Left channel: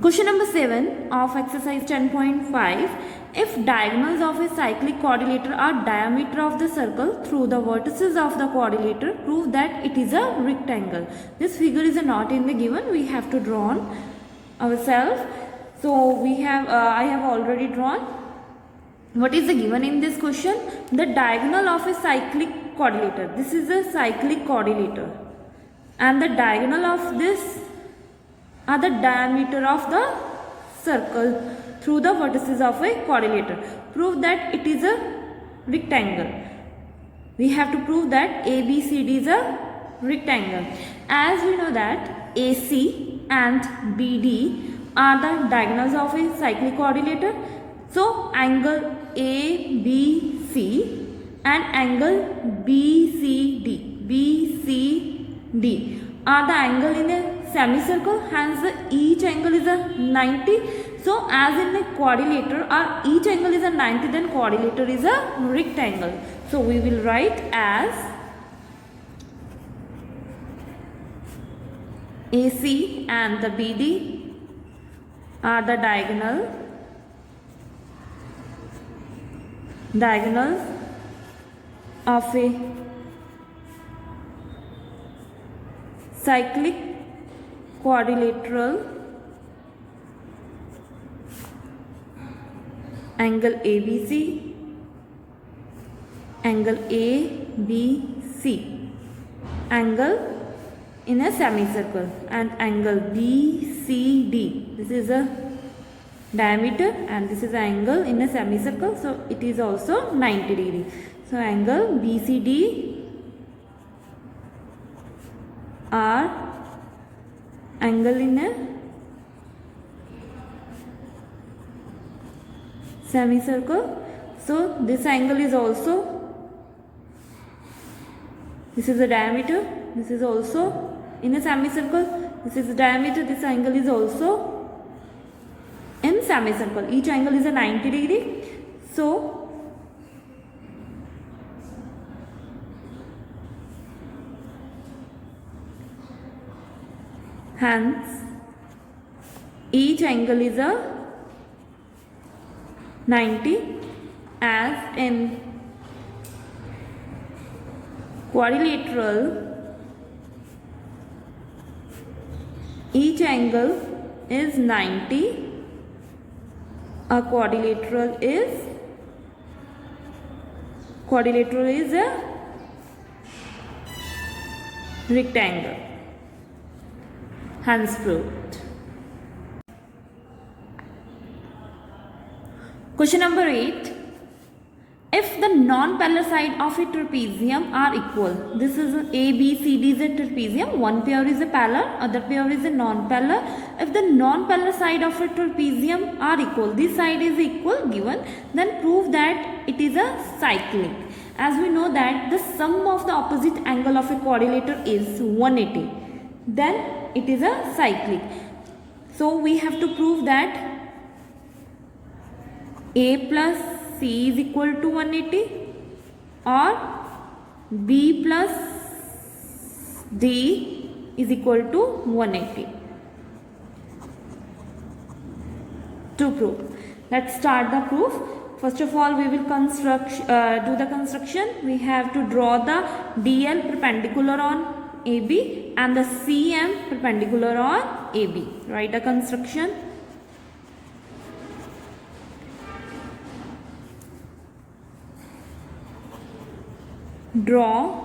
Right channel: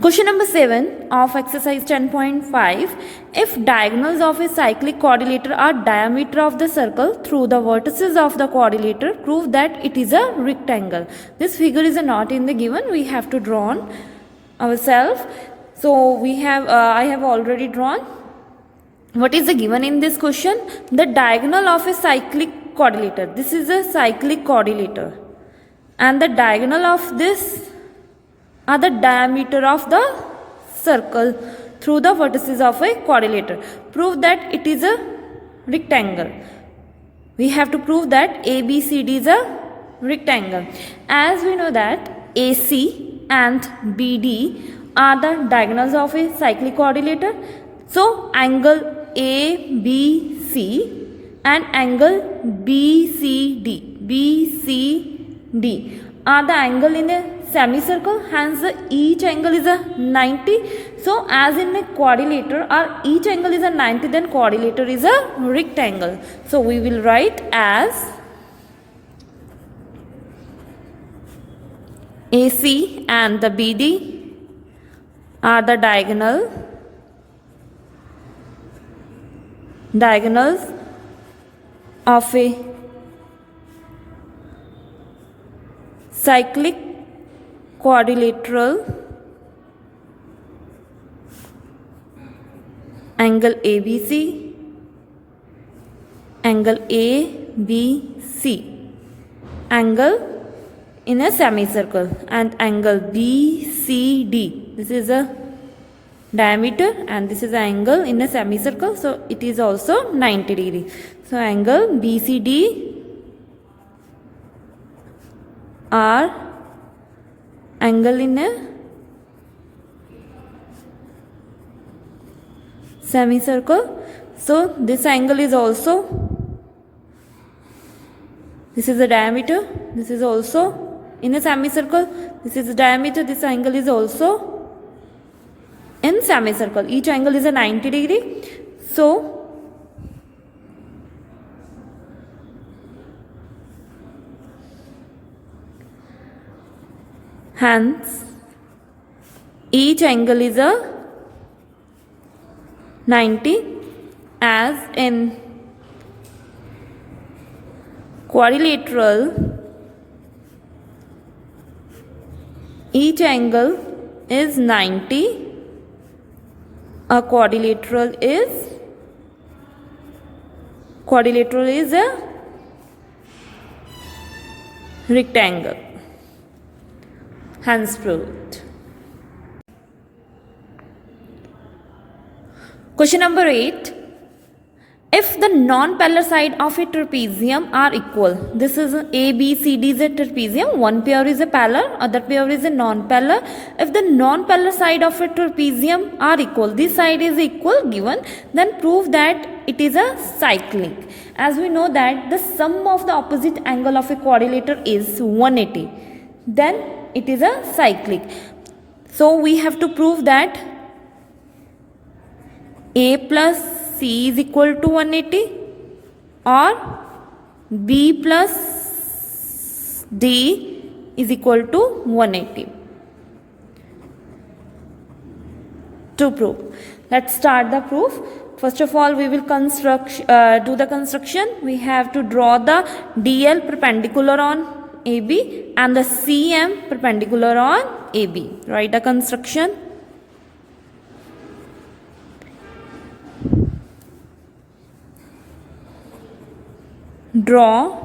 Question number 7 of exercise 10.5. If diagonals of a cyclic quadrilateral are diameter of the circle through the vertices of the quadrilateral, prove that it is a rectangle. This figure is not in the given. We have to draw on ourselves. So we have I have already drawn. What is the given in this question? The diagonal of a cyclic quadrilateral. This is a cyclic quadrilateral, and the diagonal of this are the diameter of the circle through the vertices of a quadrilateral. Prove that it is a rectangle. We have to prove that ABCD is a rectangle. As we know that AC and BD are the diagonals of a cyclic quadrilateral. So angle ABC and angle BCD are the angle in a semicircle, hence each angle is a 90. So as in a quadrilateral, each angle is a 90, then quadrilateral is a rectangle. So we will write as AC and the BD are the diagonals of a cyclic quadrilateral. Angle ABC, angle ABC, angle in a semicircle, and angle BCD. This is a diameter and this is an angle in a semicircle, so it is also 90 degree. So angle BCD are angle in a semicircle. So this angle is also, this is the diameter, this is also in a semicircle, this is the diameter, this angle is also in semicircle. Each angle is a 90 degree. So hence each angle is a 90, as in quadrilateral each angle is 90. A quadrilateral is a rectangle. Hence proved. Question number 8. If the non-parallel side of a trapezium are equal, this is A, B, C, D is a trapezium, one pair is a parallel, other pair is a non-parallel. If the non-parallel side of a trapezium are equal, this side is equal given, then prove that it is a cyclic. As we know that the sum of the opposite angle of a quadrilateral is 180, then it is a cyclic. So we have to prove that A plus C is equal to 180 or B plus D is equal to 180. To prove, let's start the proof. First of all, we will do the construction. We have to draw the DL perpendicular on AB and the CM perpendicular on AB. Write the construction. Draw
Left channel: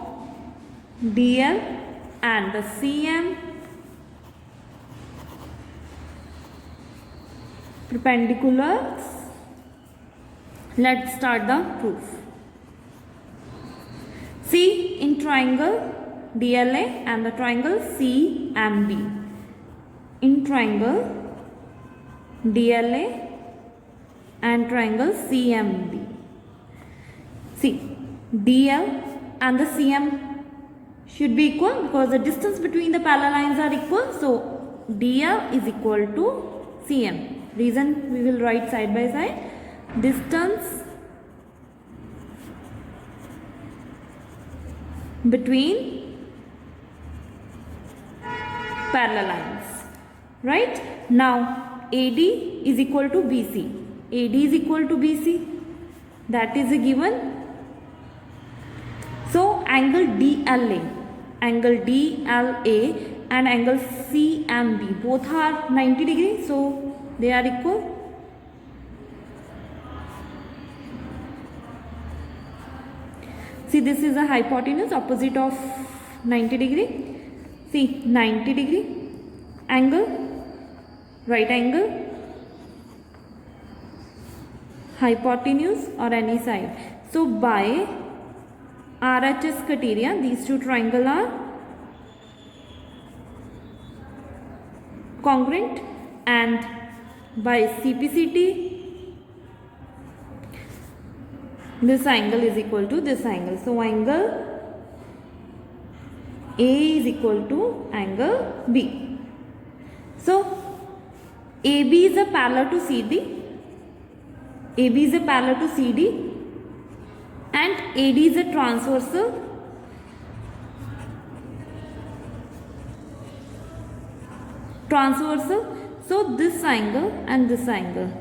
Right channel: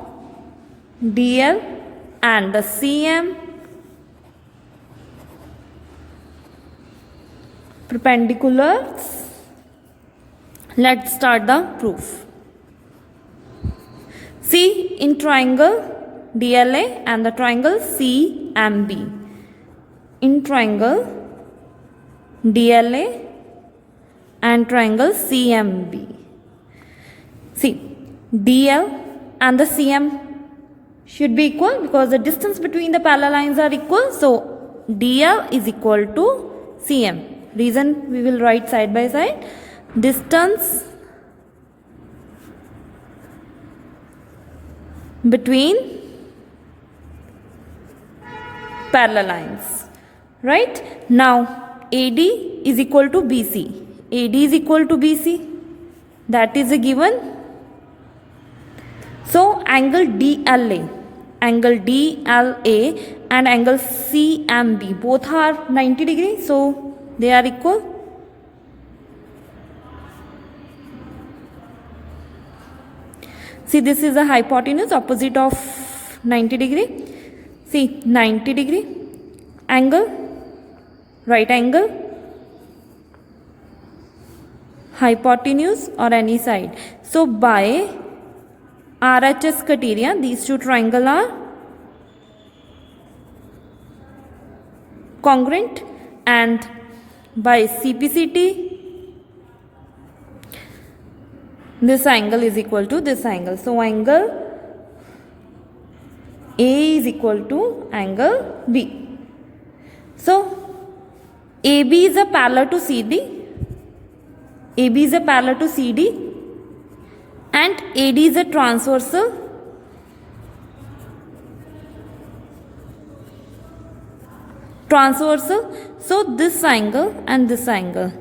DL and the CM perpendiculars. Let's start the proof. See in triangle DLA and the triangle CMB. In triangle DLA and triangle CMB. See, DL and the CM should be equal because the distance between the parallel lines are equal. So DL is equal to CM. Reason we will write side by side. Distance between parallel lines. Right? Now AD is equal to BC. AD is equal to BC. That is a given. So angle DLA and angle CMB both are 90 degrees. So they are equal. See, this is a hypotenuse opposite of 90 degree. See, 90 degree angle, right angle, hypotenuse or any side. So by RHS criteria, these two triangles are congruent, and by CPCT, this angle is equal to this angle. So angle A is equal to angle B. So AB is a parallel to CD. AB is a parallel to CD, and AD is a transversal. So this angle and this angle,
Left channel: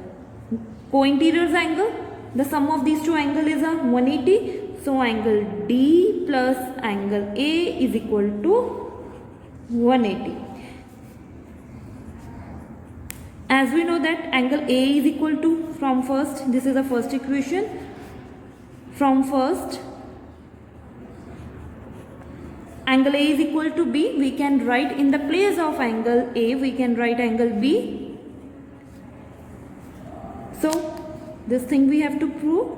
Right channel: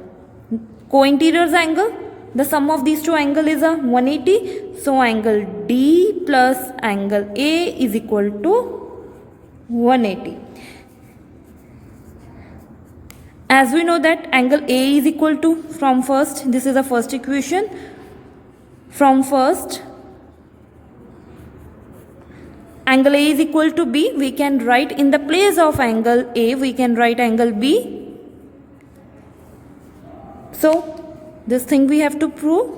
co-interiors angle, the sum of these two angles is a 180. So angle D plus angle A is equal to 180. As we know that angle A is equal to, from first, this is the first equation. From first, angle A is equal to B. We can write in the place of angle A, we can write angle B. So this thing we have to prove.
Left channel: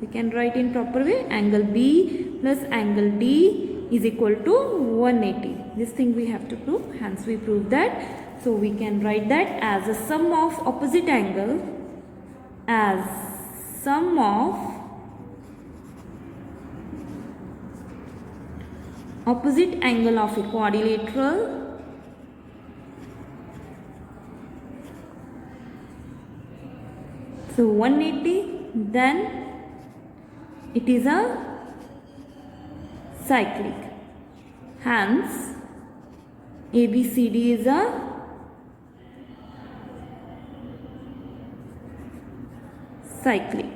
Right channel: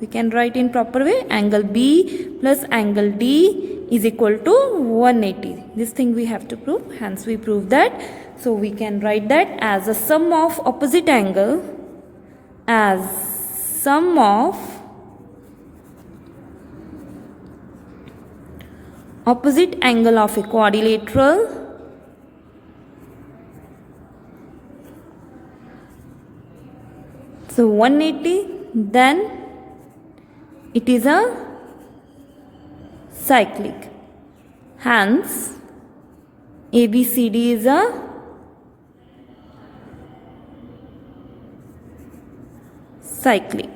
We can write in proper way. Angle B plus angle D is equal to 180. This thing we have to prove. Hence we prove that. So we can write that as a sum of opposite angle, as sum of opposite angle of a quadrilateral so 180, then it is a cyclic. Hence ABCD is a cyclic.